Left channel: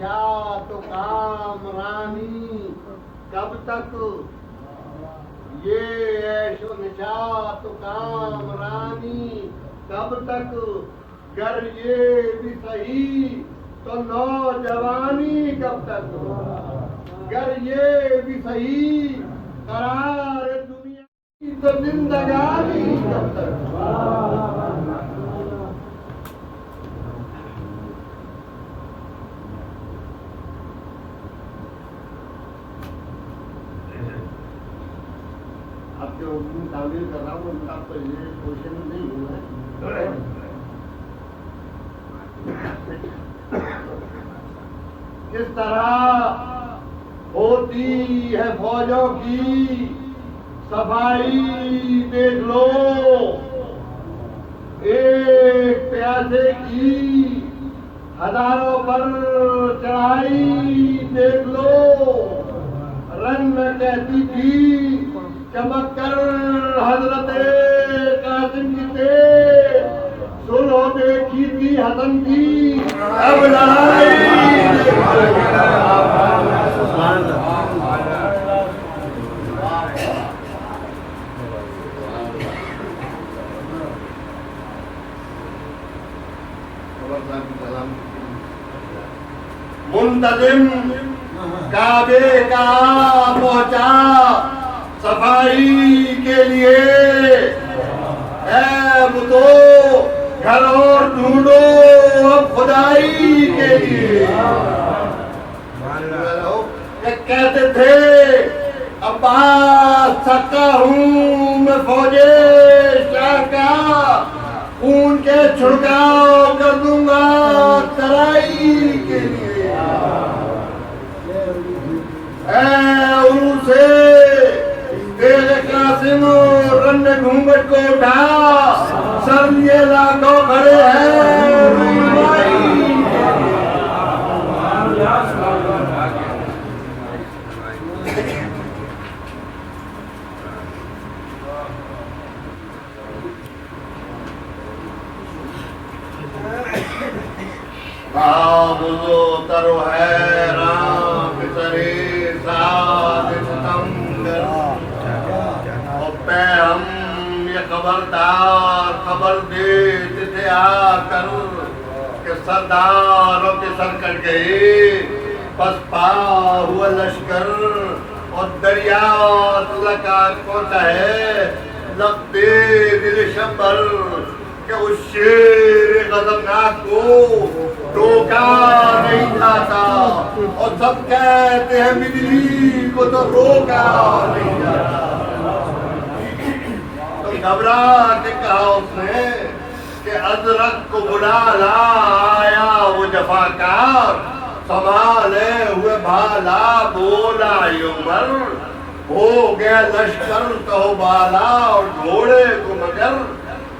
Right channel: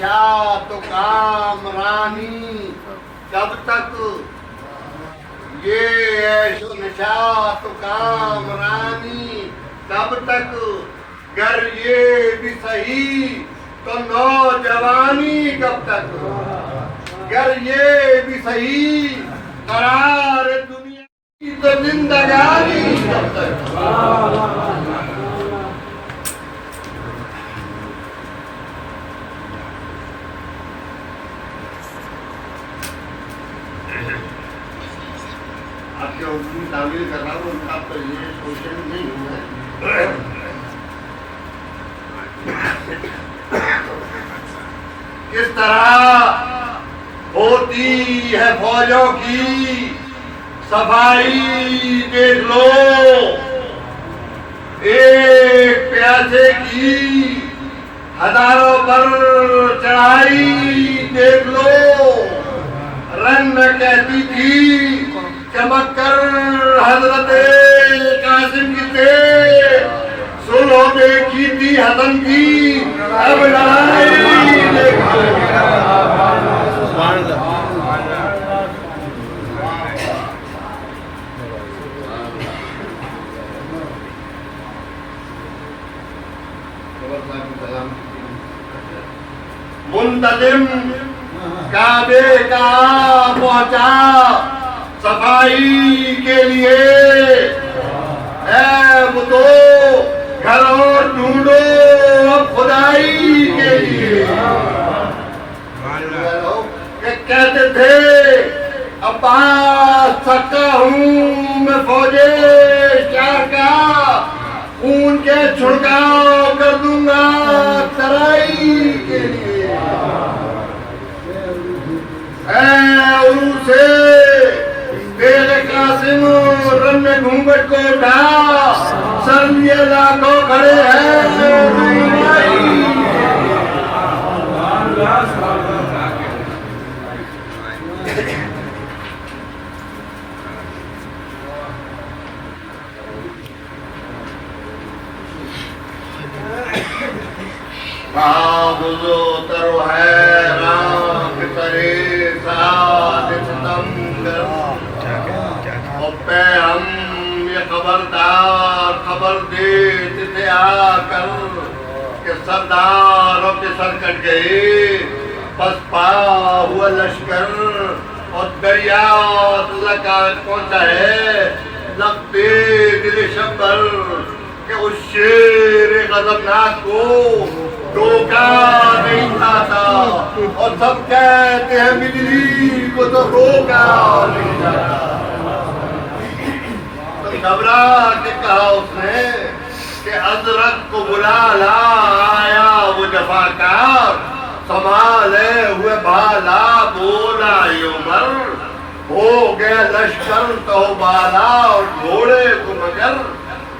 نشاط و کامرانی کب تک یہ عیش و نشاط و کامرانی کب تک گر یہ بھی صحیح تو نوجوانی کب تک گر یہ بھی صحیح قرار دنیا کی تو زندگانی کب تک آپ کے حکم تعمیر کر رہا ہوں ان کا تو یہ کوشچن نہیں ہوا ہے کس طرح ہوتی ہے فوجوں کی صفائی دیکھ لو ایک پیاسے کی ہزاروں پر چڑھائی دیکھ لو رن کہتی تھی چمک کر حضرت قاسم کی تھے سنو دیکھی تھی حسن کی اب لڑائی منتظم کعبے کا پہنچا صفائی کے لیے اے بدو گھر اور ڈھونڈو اب خدائی کے لیے کہ کہتے تھے عباس سکا ہوں میں فوجے شاہ کا خون کے چھڑکاؤ کر دوں گا ترائی کے لیے اے عروج سے تیرے قاسم رن گھونگٹ کو اٹھا سر لیے لاکھوں کھڑے ہیں بابزو ترو ہے رام ترے ساتھ ستمگر ہم یہ خبردار خبر دیتے تھے آ کر کہ سرداروں کے سر کٹ گئے پس پا ہوا لشکر اور دریا اللہ کا پہنچا ہے لگتے دل شبر کہ اس شیر غضبناک کو ڈوکا نہیں جاتا اور سب کہتے ہیں مجری کو تو روکا نہیں جاتا گھبرا کے کہا اس نے کہ ازرق کو بلا لا آیا وہ جفاکار سنبھالے ہوئے بھالا بولا عمر ہو گیا لشکر تو بالا اور گھوڑے کو مگر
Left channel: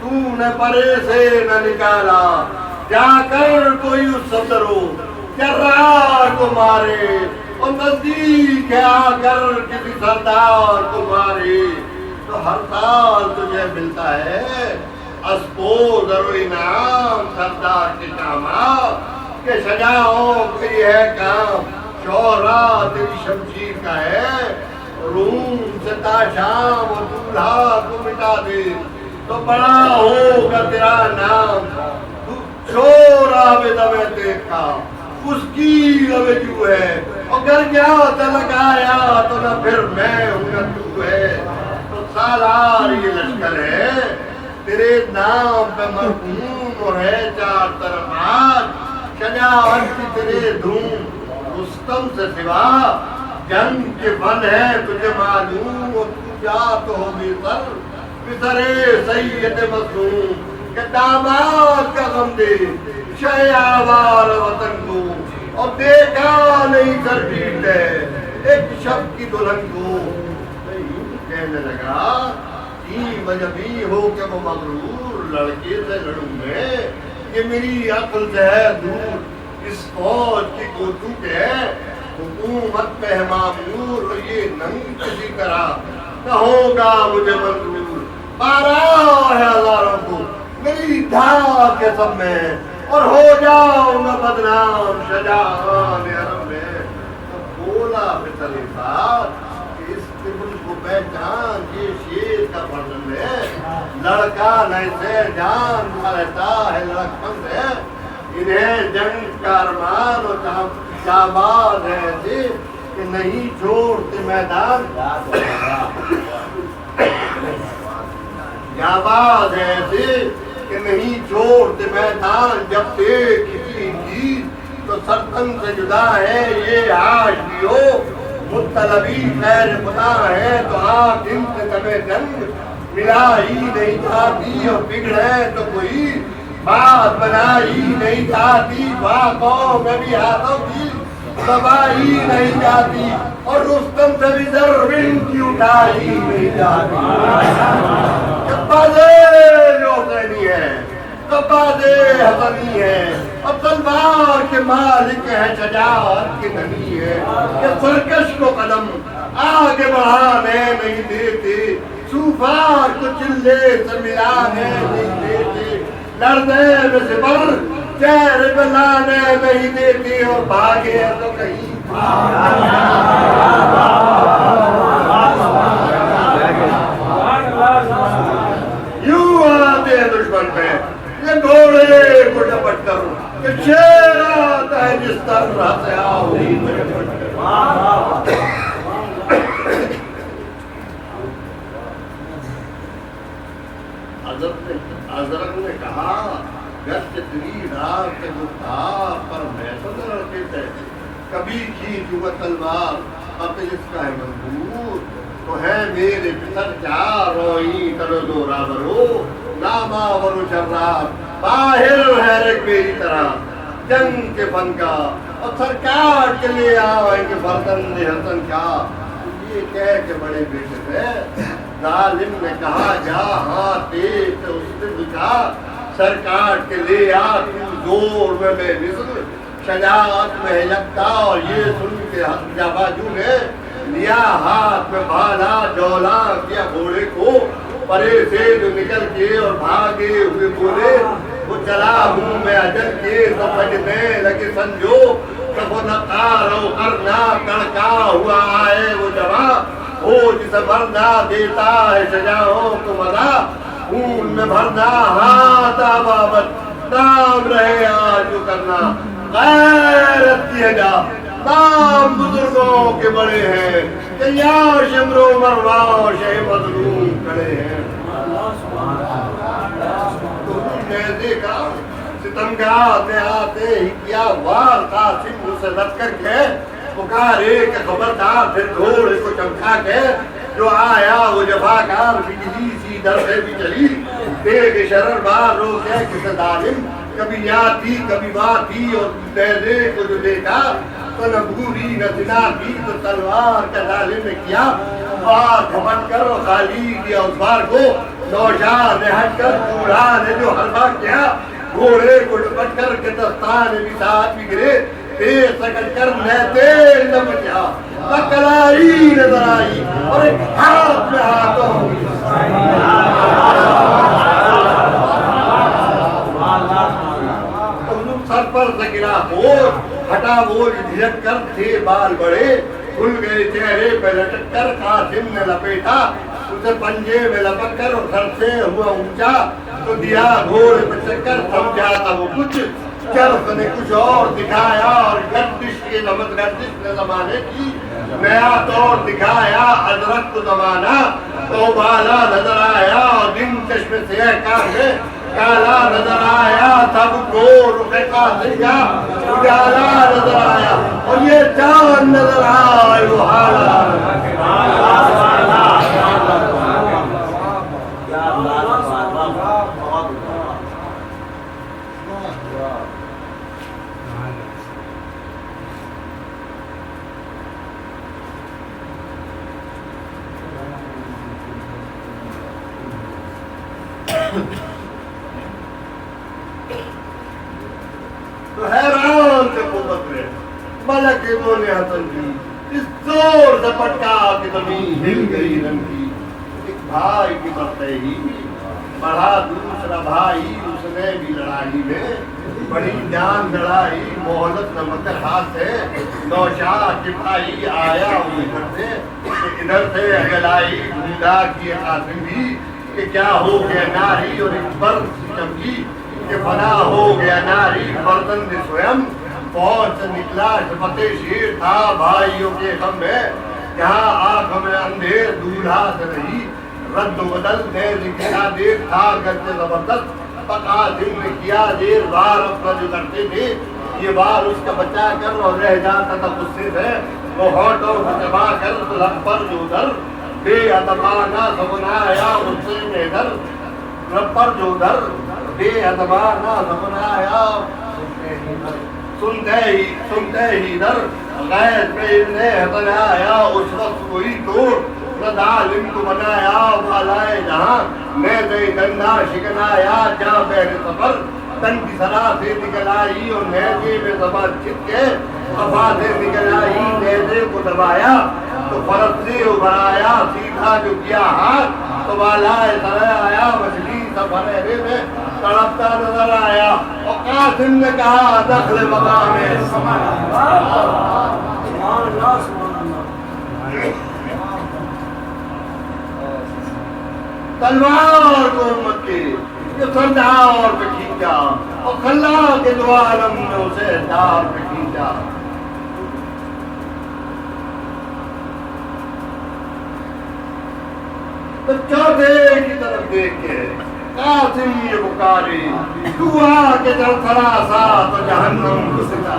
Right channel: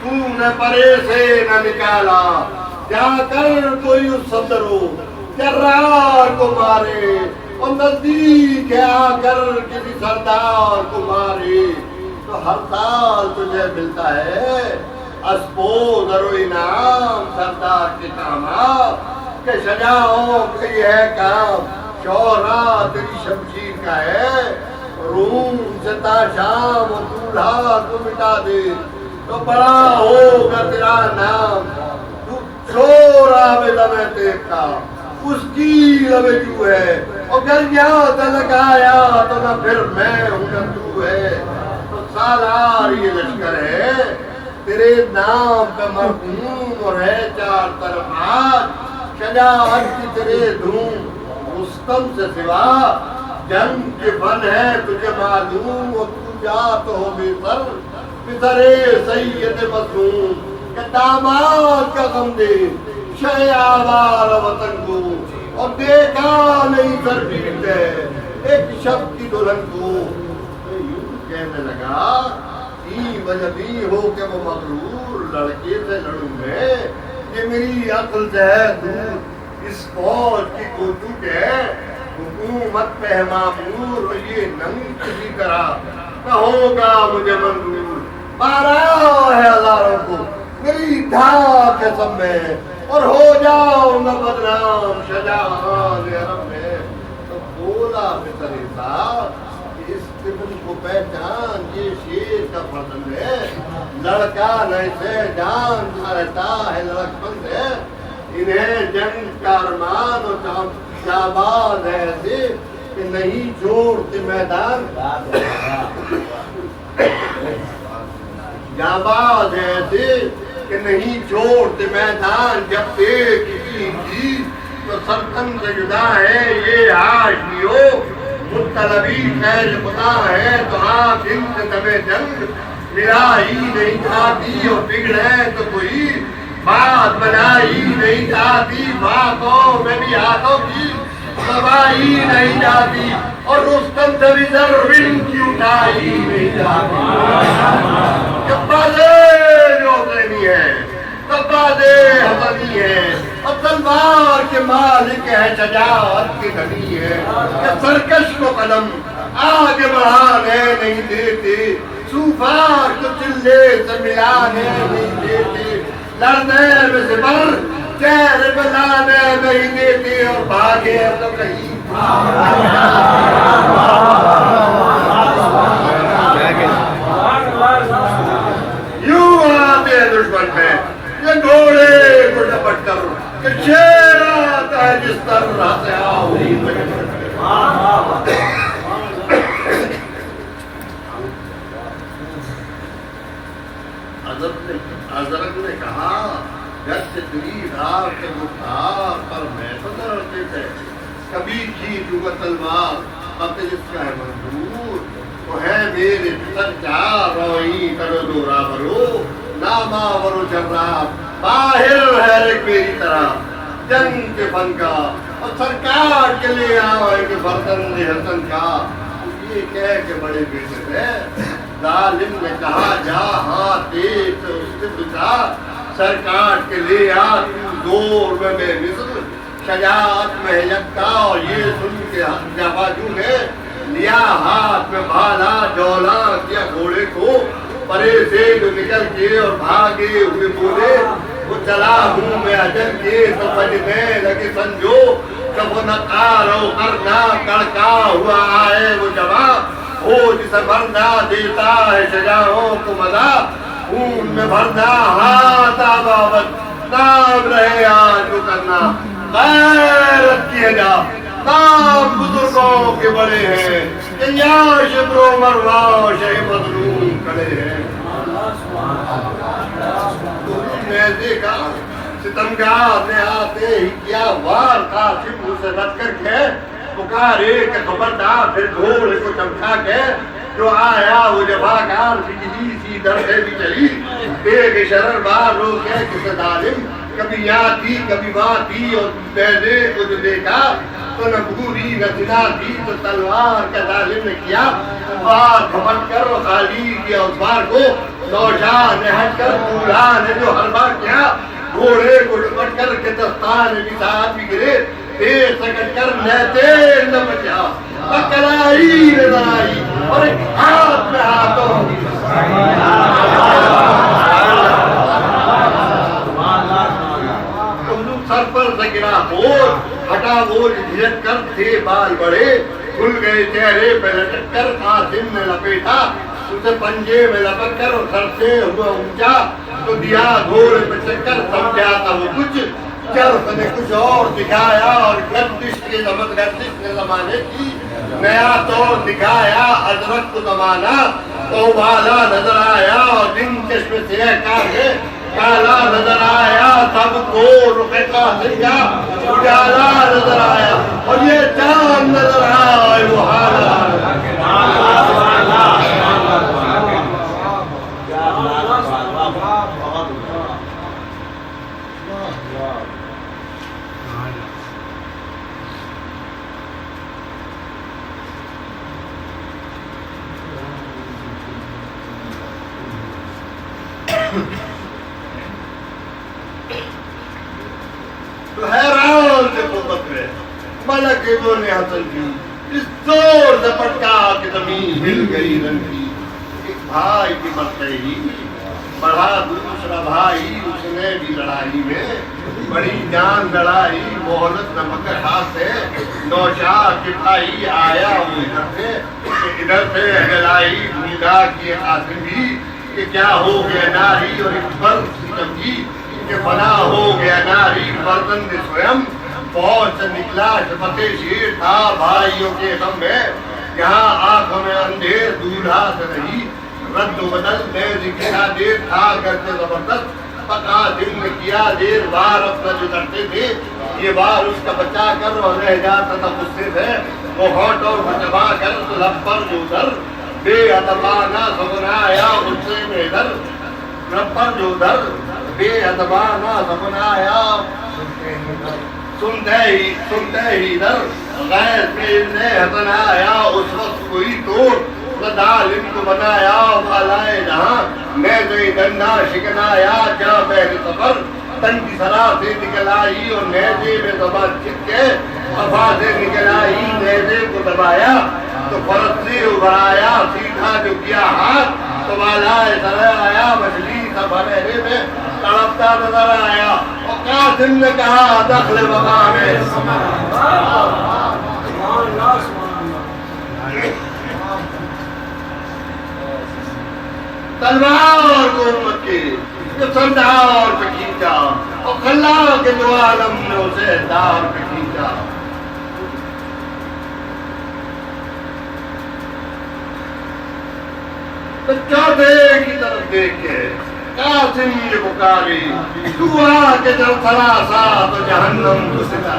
تو نے پرے سے نہ نکالا جا کر کوئی اس صدرو جرار کو مارے اور نزدیک آ کر کسی سردار کو مارے تو ہر سال تجھے ملتا ہے اسبو در و انعام سردار کے کامات کہ شجاعوں کا یہ ہے کام شورا تیری شمشیر کا ہے روم سے تا شام اور دولہا کو مٹا دے تو بڑا ہوگا تیرا نام شورا میں دمے دیکھا اس کی لبے جو ہے اور گر گیا لگایا تو نہ پھر میں ہوں نہ تو ہے سالار یہ لشکر ہے تیرے نام پہ مرحوم اور ہے چار طرف آج شجاعت کی تیرے دھوم رستم سے سوا جنگ کے فن ہے تجھے معلوم اور تو جات ہو بے سر پسرے سید مظلوم کہ داماد کا غم دے شہ آباد وطن کو اور دیکھا نہیں سر پیٹ ہے ایک شب کی دلہن کو کہنے لگا وجہ بھی ہو کہ وہ مغرور لڑکے سے لڑوں میں یہ میری عقل سے ہے دور اس فوج کی کوتو کے ہے حکومت پہ معمور یہ ننگ کسی طرح نہ ہوگا مجھے منظور 12,000 کو میری دھاک ہے سب میں اور ہو جاؤں گا بدنام شجاعان عرب میں. تو بولا پتر ساتھ اس طفل کو پہچان یہ شیر کا فرزند ہے. لڑکا ایسے جان کا رہتا ہے لڑکپن ہے. انہیں جنگ کا ارمان اور جاباز ہے ایسے کہ نہیں چھوڑتے میدان. جاباز ہے ایسے کہ نہیں چھوڑتے میدان. جب دیکھ کی تو سرطن سے جدا ہے یہ عاشقیو. مطلبی خیر خدا ہے تو آپ ان سے تمہیں جنگ ملا ہی نہیں جاتی. اور بگڑے تو کوئی بات بنائی نہیں جاتی. باغوں میں بھی ہاتھوں کی دبائی نہیں جاتی. اور رستم سے بھی ضرور کی اٹھائی نہیں جاتی. بازے جو نہیں ہے بازے حسنی ہے. اب تلوار کے مالک ہے شجاعت کی دھنی ہے. کہ سرکش کو قدم آگے بڑھانے نہیں دیتے. سوفار کو چلے سے ملانے نہیں دیتے. لڑنے میں سے بر چہرے بلانے نہیں دیتے. اور بھاگے تو کہیں یوں آتے ہیں دشمن پہ یہ گھوڑے کو ڈپٹ کر کہ شیر آتا ہے جس طرح سے آؤ. حضرت نے کہا گھر سے تیری رات کے گفتار پر میں تو ڈرتے تھے. کبھی کھینچوں گا تلوار اب جس کا ہے منظور تو ہے میرے پتر کیا روئی کرو دو رابرو ناما ورو جراب باہر ہے ایک میری طرح جنگ کے فن کا. اور سرکار کے لے آئیں گے برتن حسن کا. یہ کہہ کے بڑے بیٹے تھے ظالم نے کہا جا ہاں دیکھ اس نے پوچھا سرکار کے لے آ تو زور میں مصر شجاعت میں یکتا. اور یہ سن کے جاباجو نے لیا ہاتھ میں بھالا جولا کیا گھوڑے کو پرے سے جو نکل کے اور بھاگے ہوئے بولے وہ چلا ہوں میں اجل کے سمجھنے لگے سنجو کہ وہ نقارو کرنا کڑکا ہوا آئے وہ جواب ہو جسے مرنا دیتا ہے شجاعوں کو مزا. خون میں بھرنا ہاتھ آبابت نام رہے آج جو کرنا غیرت کی ہے جا. نام بزرگوں کے بڑے ہیں کہ یا شبر و مروا شہ مظلوم کھڑے ہیں. میں دیکھا ستمگار نے آتے ہی کیا وار قاسم اسے رد کر کے پکارے کہ خبردار پھر گھوڑے کو چمکا کے جو آیا وہ جفاکار بجلی سی در سے بھی چلی. بے شرر بار رو کے کسے ظالم کبھی یاد تھی کبھی بات تھی. اور پہلے کو جو دیکھا تو نہ بھوری نہ زنا تھی تو تلوار کا ظالم نے کیا بار کھپٹ کر خالی کیا اس بار کو. نوشاہ نے ہٹ کر دولہا نے جو ہر بار کیا گھوڑے کو لپٹ کر کے دستان بھی ساتھ بھی گرے. دیر سکٹ کر نہتے نہ بچا کلائی نظر آئی اور ایک ہاتھ میں ہاتھوں سر پر سے گرا بوجھ ہٹا بوجھ جھجک کر تھے بال بڑے کھل گئے چہرے پہ لٹک کر قاسم نے لپیٹا اسے پنجے میں لپک کر اور سر سے ہوا اونچا تو دیا گھوڑے پہ چکر سمجھا تھا وہ کچھ جرف نے کچھ اور دکھایا. اور گردش کے گردش نے زمانے کی نیا طور دکھایا. ادرک کو زمانہ تو بالا نظر آیا اور دن چشم سے کالا نظر آیا. سب کو رخ قاسم کا اجالا نظر آیا اور یہ چاند نظر آیا وہ حالا. تو حیران سے قوت میں ملک ابن حسن بھی اس زور سے پٹکا کہ زمین ہل گئی رنگی. ایک بھائی کی مرتے ہی بڑھا دوسرا بھائی اس نے بھی لڑائی میں بڑی جان لڑائی مہلت نہ مگر ہاتھ سے نوشاہ کے بھائی آیا وہ ادھر سے اگلائی ڈھونڈا کی قاسم بھی کہ کیا ہو گیا ناری اور ایک فرد سمجھی کہ فنا ہو گیا ناری فرزند سویم فوج سے نکلا شفق شیر تھا بھائیوں کے غم میں یہاں آنکھوں میں اندھیر دولہا سے نہیں رد و بدل نیز کیا دیر تھا گرتے زبردست قاسم نے کیا دیر بار اپنا جو کرتے تھے یہ بار اس کا بچا کر اور رہ جاتا تھا غصے سے وہ ہوٹ اور دبا کر لب پر جو در بے ادبانہ سبنایا غصے میں در لب پر جو در بے ادبانہ سبنایا سنتے ہی در غیر پہ نے ہتنایا اس وقت کوئی توڑ ظالم کو بنایا بالائے جہاں میں دے گنگا شکنایا کیا بہر سفر تن کی سرا سے نکل آئی اور نیزے میں زبان چھت کے خفا سے نکل آئی نیزے کو دبایا تو فرد سے ابھرایا سیدھا جو کیا ہاتھ تو بالائے سرے آیا مچھلی سب ہنیرے میں تڑپتا نظر آیا اور قاسم نے کہا دخل وقا میں تلوار کو امت کے جو سردار پہ کھینچا اور خلا کے دو عالم نے اسے دار پہ کھینچا تو چوبے کی طرف دیکھ کے قاسم یہ پکاری دعا کے طرف سرا سا تو جہنم گھستا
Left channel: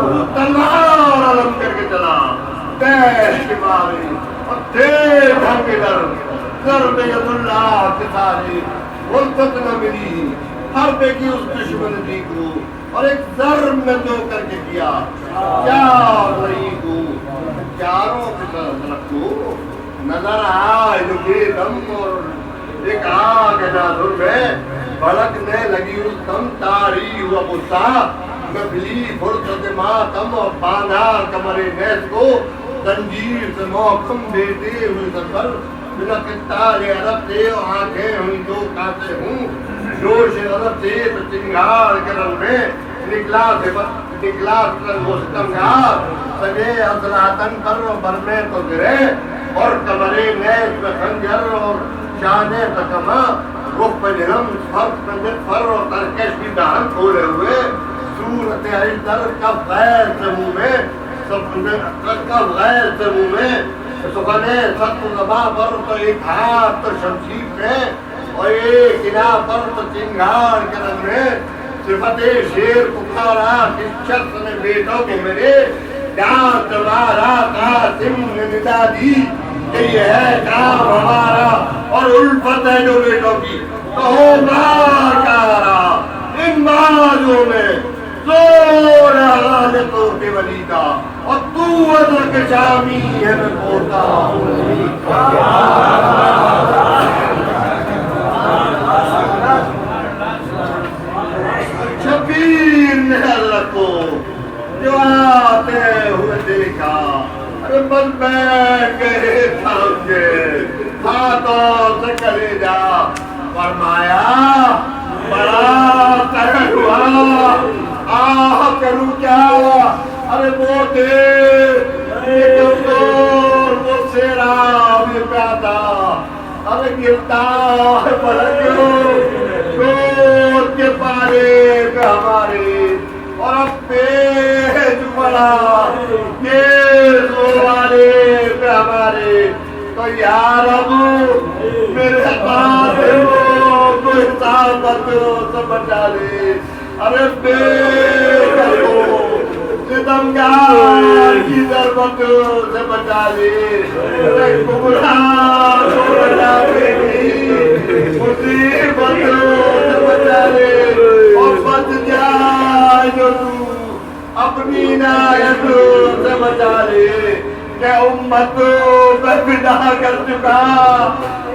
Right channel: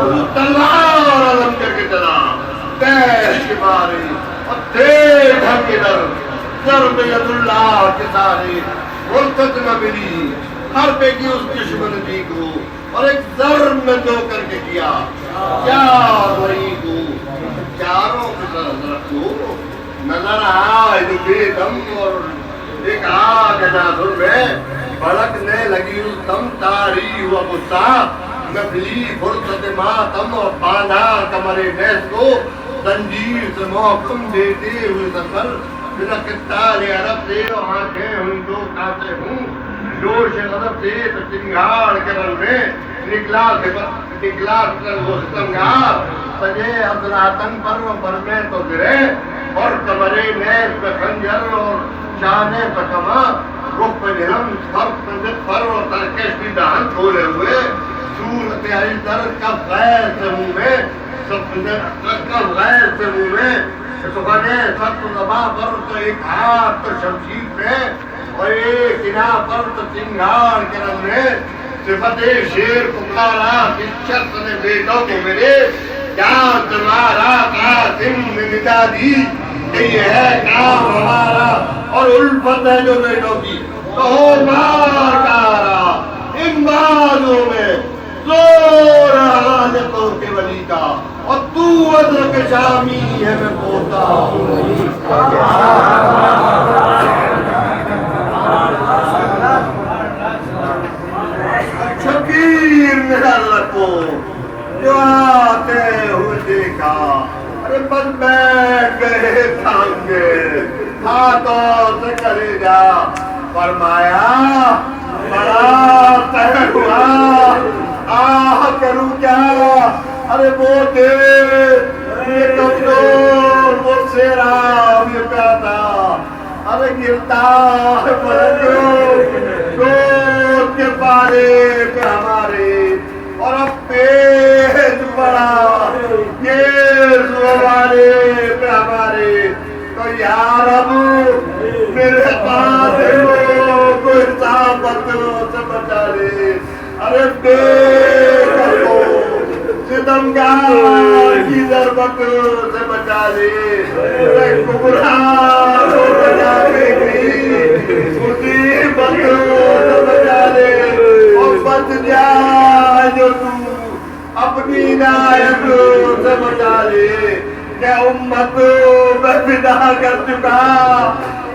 وہ تلوار علم کر کے چلا کیش کے مارے اور دیکھ ہم کے در ضرب ید اللہ کے سارے غلطت نہ ملی ہر پہ کی اس دشمن دی کو اور ایک ضرب میں دو کر کے کیا چار وہی کو چاروں کی طرف رکھو نظر آئے جو بے دم اور ایک آگ ناظر میں بھڑکنے لگی اس دم تاری ہوا غصہ نبلی فرصت ماتم اور باندھا کمر نیز کو زنجیر سے محکم دیتے ہوئے سفر تال عرب سے آنکھیں ہوئی دو کاتے ہوں جوش عرب سے تو چنگار کے رنگ میں نکلا وہ ستمگار سجے حضراتن پر و بر میں تو گرے اور کمرے نیز پہ خنجر اور شانے پہ کما رخ پہ نرم فرق کنجت پر اور ترکش بھی دہن کھولے ہوئے صورت علی در کف غیر سے منہ میں کف غیر سے منہ میں سکنے سخت زباں پر تو ایک ہاتھ تو شمشیر پہ اور ایک انہ پر تو چنگار کے رنگ میں صفت شیر پکارا کس شخص نے بیٹوں کو میرے جان تلوارا قاسم نے ندا دی کہ یہ ہے کام ہمارا اور الفت ہے جو بیٹوں کی تو ہو مار کارا ان بازوں میں زور حالتوں کے ولی کا اور تو ادر کے شامی ہے میں پوتا ہوں شبیر میں اللہ کو جو آتے ہوئے دیکھا ارے بس بیٹھ گئے تھانگے ہاتھوں سے کرے جا فرمایا بڑا قہر ہوا آہ کروں کیا ارے بوٹے یہ کمزور مجھ سے رام یہ پیادا ارے گرتا ہے بلندوں گود کے پارے پہ ہمارے اور اب پیج پڑا یہ زوارے پہ ہمارے تو یا رب میرے قاتلوں کو حسابتوں سے بچا لے ارے بے ربو ستمگار کی ضربتوں سے بچا لے ارے گمراہ کو بچا بیٹی مصیبتوں سے بچا لے اور بچ جائے جو تو اپنی عنایتوں سے بچا لے کہ امتوں میں فدا کر چکا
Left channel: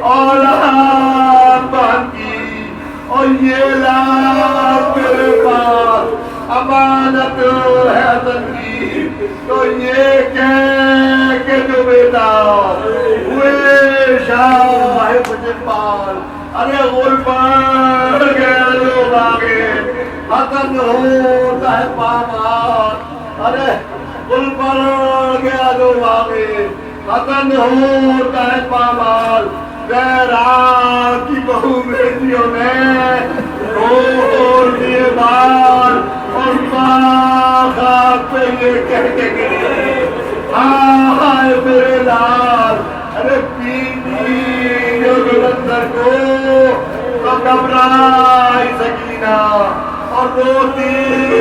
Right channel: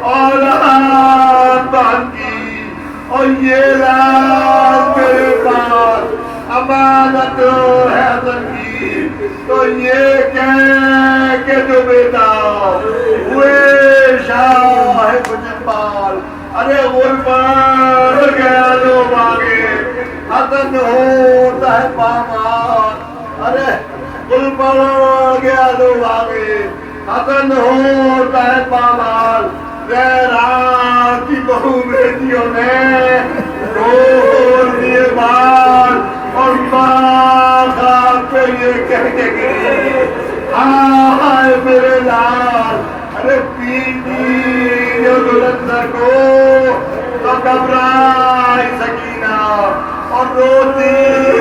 اولاد باقی اور یہ لاز میرے پاس امانت ہے حسن کی تو یہ کہہ کہ جو بیٹا ہوئے شاہ مجھے پال ارے غربان گیا لو باغے حسن ہوتا ہے پامال ارے غربان گیا لو باغے حسن ہوتا ہے پامال زہرا کی بہو بیٹیوں نے کھول دیے بال اور ماں خاک پہ یہ کہہ کے گئی ہائے میرے لال ارے پیتی جو گلندر کو تو گھبرائی سکینہ اور روتی